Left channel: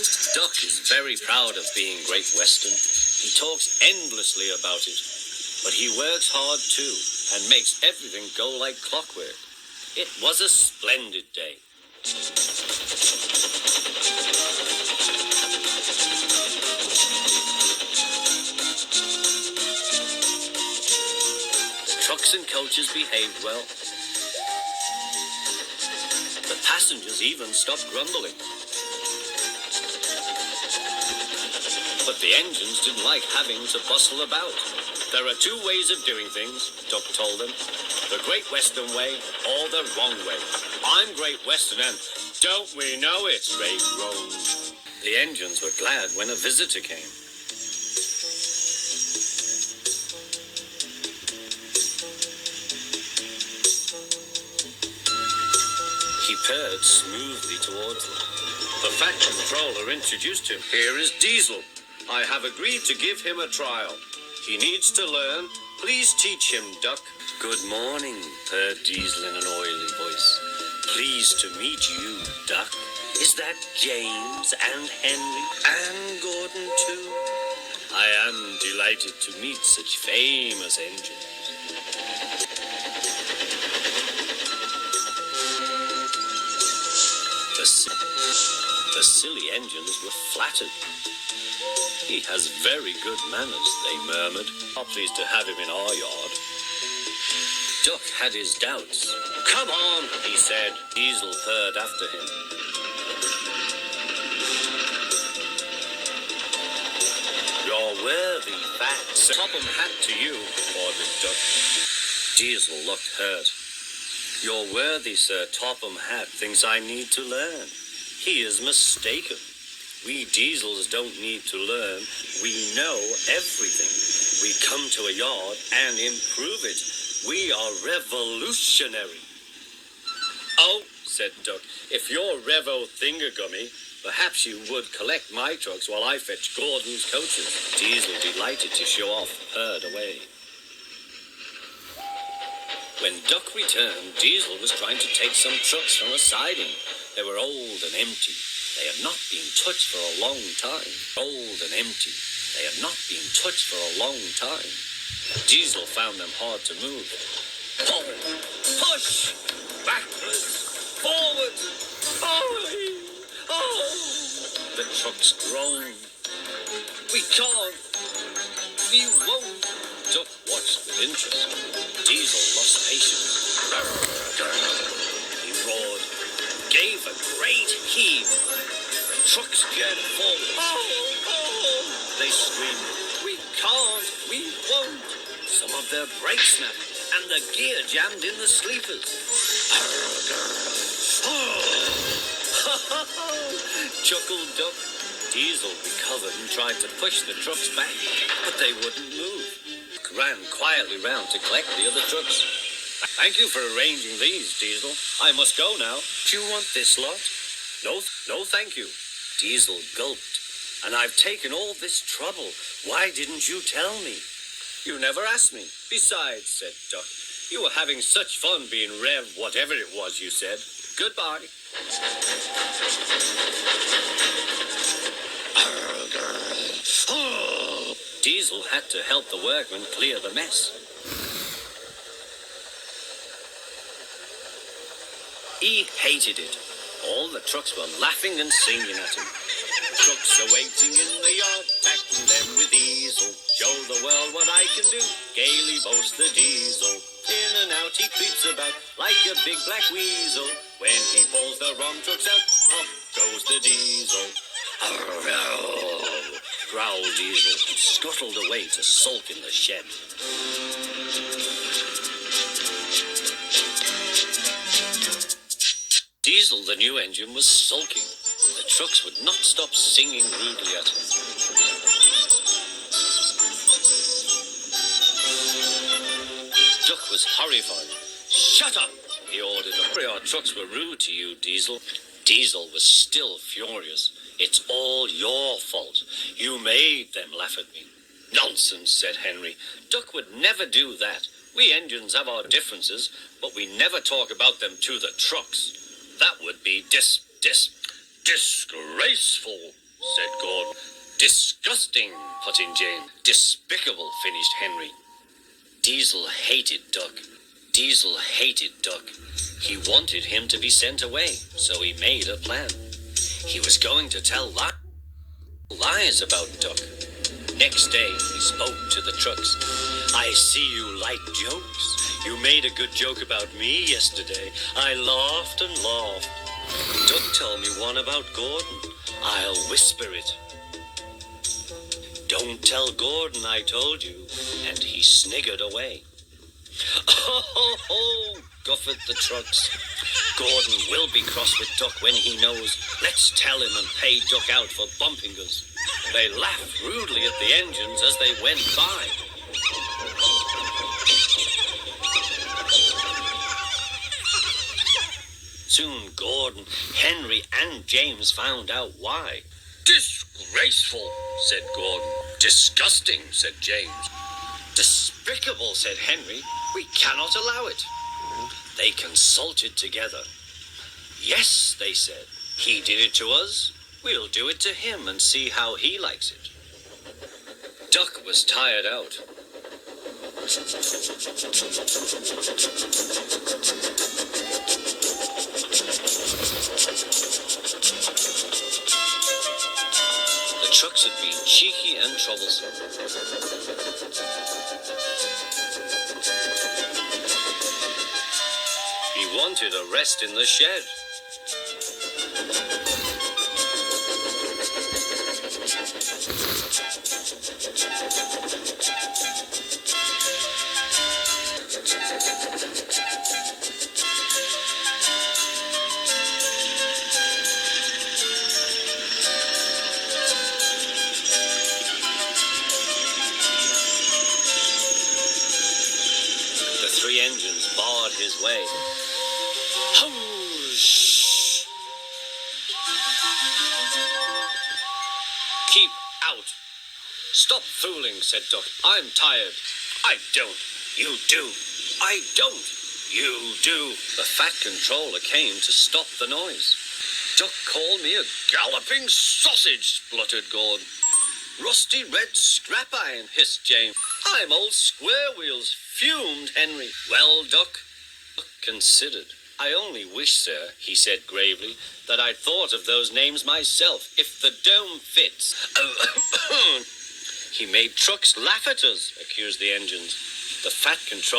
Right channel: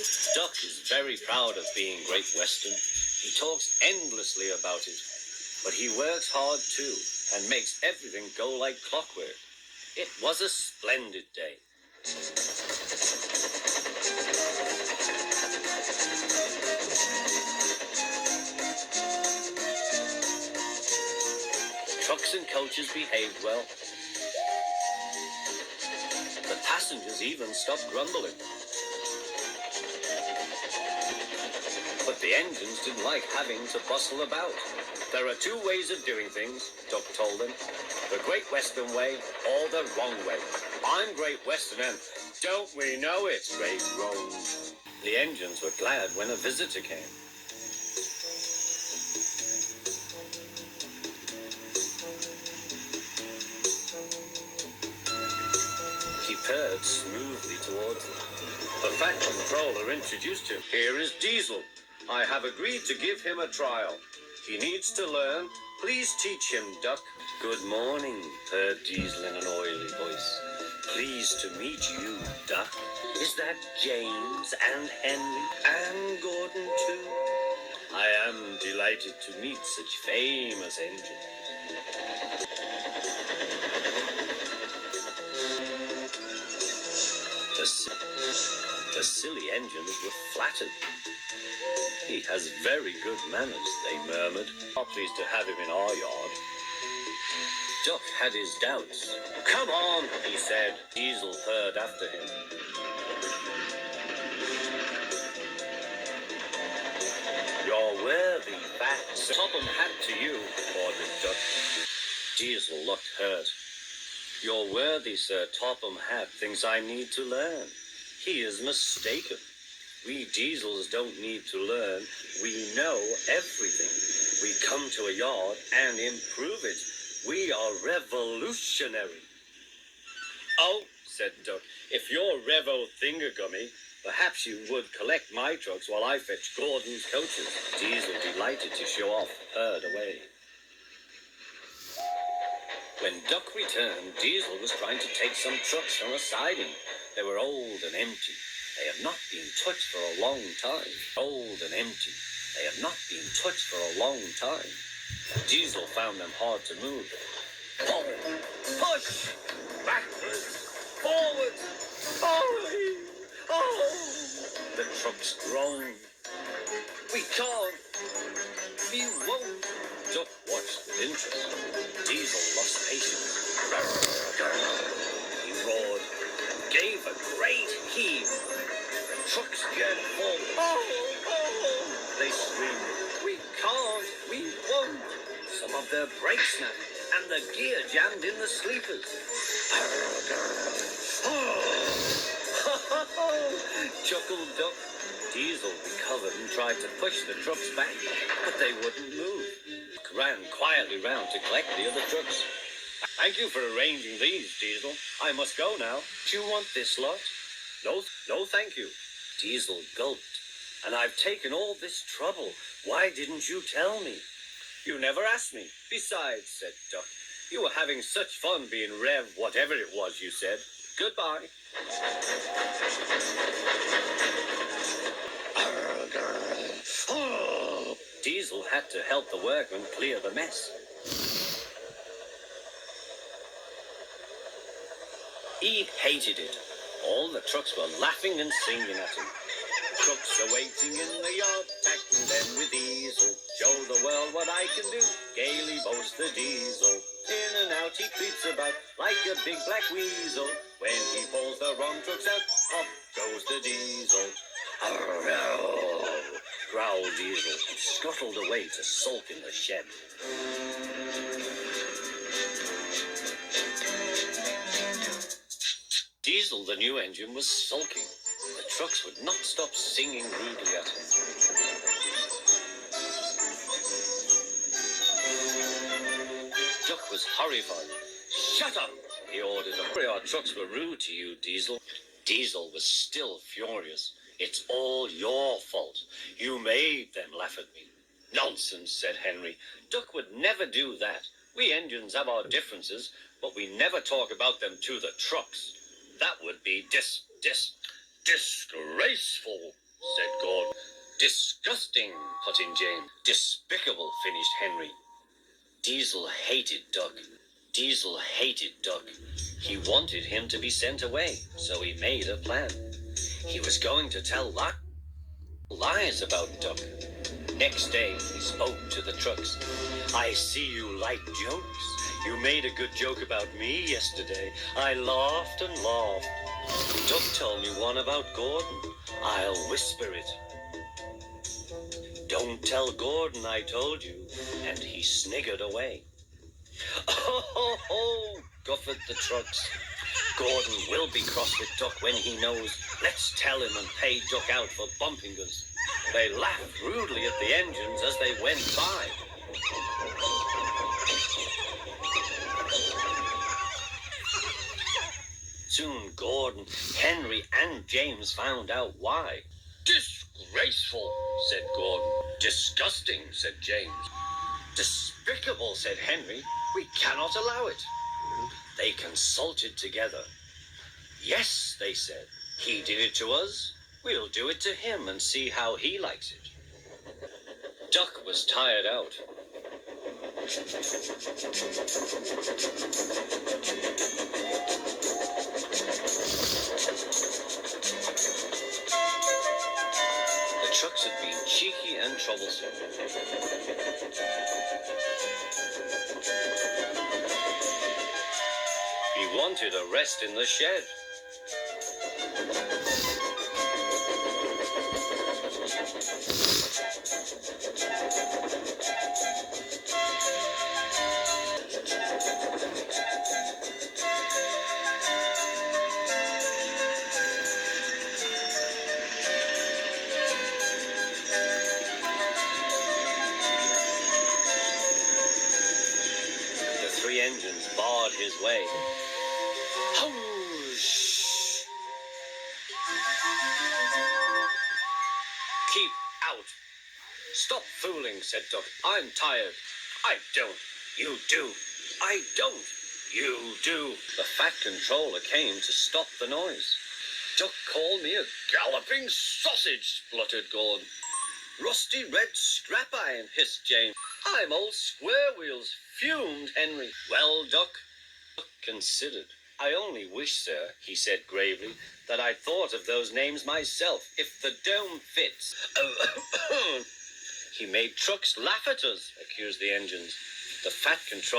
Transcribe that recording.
Duck is very proud of being Great Western. He talks endlessly about it, but he works hard too and makes everything go like clockwork. It was a splendid day. The trucks and coaches behaved well. The passengers even stopped grumbling. But the engines didn't like having to bustle about. There are two ways of doing things, Duck told them. The Great Western way or the wrong way. I'm Great Western and don't we know it's Great Wrong. The engines were glad when a visitor came. He purred smoothly towards them. The Fat Controller introduced him. Here is Diesel. I have agreed to give him a trial. He needs to learn. Please teach him, Duck. Good morning, purred Diesel in an oily voice. Pleased to meet you, Duck. Is that James and Henry and Gordon too? I am delighted to meet such famous engines. The silly engines were flattered. He has very good manners, they murmured. Are pleased to have him in our yard. Duck had his doubts. Come on, he said. Diesel purred after him. You're worthy, Fat. Topham hat to you, ordered Duck. Diesel looked hurt. Your worthy Sir Topham Hat thinks I need to learn. He is mistaken. We Diesels don't need to learn. We know everything. We come to a yard and improve it. We are revolutionary. Oh, said Duck, if you're Revo Thingamgummy, perhaps you would collect my trucks while I fetch Gordon's coaches. Diesel, delighted to show off, purred away. When Duck returned, Diesel was trying to take some trucks from a siding. They were old and empty. They had not been touched for a long time. Old and empty. They had not been touched for a long time. Diesel found them hard to move. Forward, push, backwards, forward, forward. Oh! The trucks groaned. We can't. We won't. Duck watched with interest. Diesel lost patience. He roared, gave a great heave. The trucks jerked forward. Oh! They screamed, we can't, we won't. Some of their brakes snapped, and the gear jammed in the sleepers. Chuckled Duck. Diesel recovered and tried to push the trucks back, but they wouldn't move. Ran quietly round to collect the other trucks. Thank you for arranging these, Diesel. I must go now. Do you want this lot? No, thank you. Diesel gulped. And I've taken all this trouble. Why didn't you tell me? You never asked me. Besides, said Duck, you were having such fun being Rev whatever it was you said. Goodbye. Diesel had to help the workmen clear the mess. He hated it. All the trucks were laughing and singing at him. Trucks are waiting in the yard, tackle them with Diesel. Show the world what I can do, gaily boasts the Diesel. In and out he creeps about like a big black weasel. When he pulls the wrong trucks out, up goes the Diesel. Growled Diesel and scuttled away to sulk in the shed. Diesel, the new engine, was sulking. The trucks would not stop singing rudely at him. Duck was horrified. Shut up, he ordered them. Our trucks were rude to you, Diesel. Diesel was still furious. It's all your fault. You made them laugh at me. Nonsense, said Henry. Duck would never do that. We engines have our differences, but we never talk about them to the trucks. That would be disgraceful. said Gordon. Disgusting, put in James. Despicable, finished Henry. Diesel hated Duck. Diesel hated Duck. He wanted him to be sent away, so he made a plan. He was going to tell lies about Duck. Next day, he spoke to the trucks. I see you like jokes. You made a good joke about me yesterday. I laughed and laughed. Duck told me one about Gordon. I'll whisper it. Don't tell Gordon I told you. And he sniggered away. Oh, guffared the trucks. Gordon will be cross with Duck when he knows. Let's tell him and pay Duck out for bumping us. They laughed rudely at the engines as they went by. Soon Gordon, Henry, and James found out why. Disgraceful, said Gordon. Disgusting, said James. Despicable, said Henry. We cannot allow it. They consulted together. Yes, they said. He did it to us. We'll do it to him and see how he likes it. Duck was tired out. The trucks had been cheeky and troublesome. He wanted a rest in the shed. The three engines barred his way. Whoosh! Keep out. Stop fooling, said Duck. I'm tired. I don't. You do. I don't. You do. The Fat Controller came to stop the noise. Duck called me a galloping sausage, spluttered Gordon. Rusty red scrap iron, hissed James. I'm old Square Wheels, fumed Henry. Well, Duck considered. I only wish, sir, he said gravely, that I'd thought of those names myself, if the dome fits. He made trucks laugh at us, accused the engines. The Fat Controller